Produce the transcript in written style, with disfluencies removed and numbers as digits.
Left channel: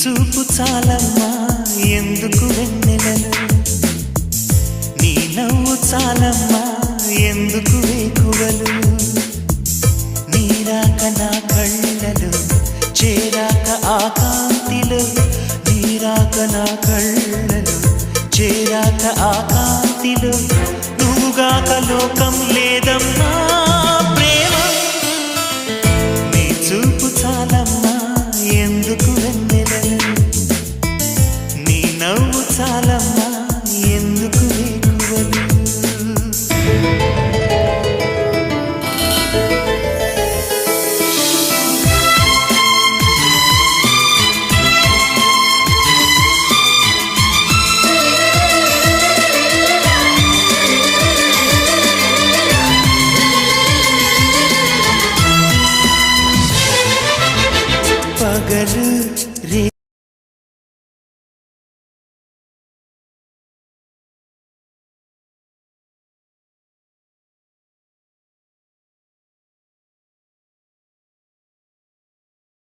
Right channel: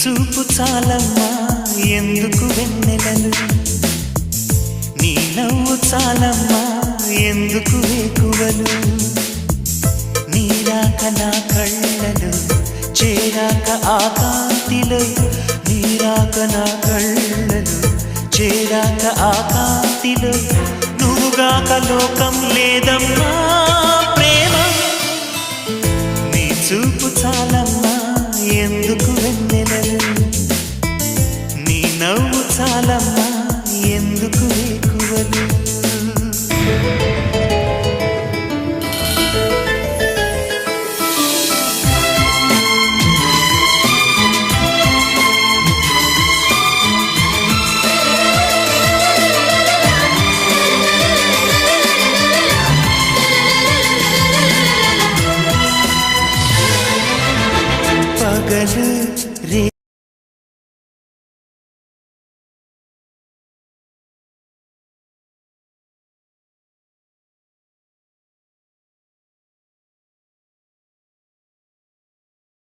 చూపు చాలమ్మా ఎందుకు వెన్నెలలు, నీ నవ్వు చాలమ్మా ఎందుకు వేకువలు, నీరాక నా కళ్ళలు చేరాక ఆ కాంతిలో, నీరాక నా కళ్ళలు చేరాక ఆ కాంతిలో, నువ్వుగాక లోకం లేదమ్మా ప్రేమ. నీ చూపు చాలమ్మా ఎందుకు వెన్నెలలు, నీ నవ్వు చాలమ్మా ఎందుకు వేకువలు. పగలు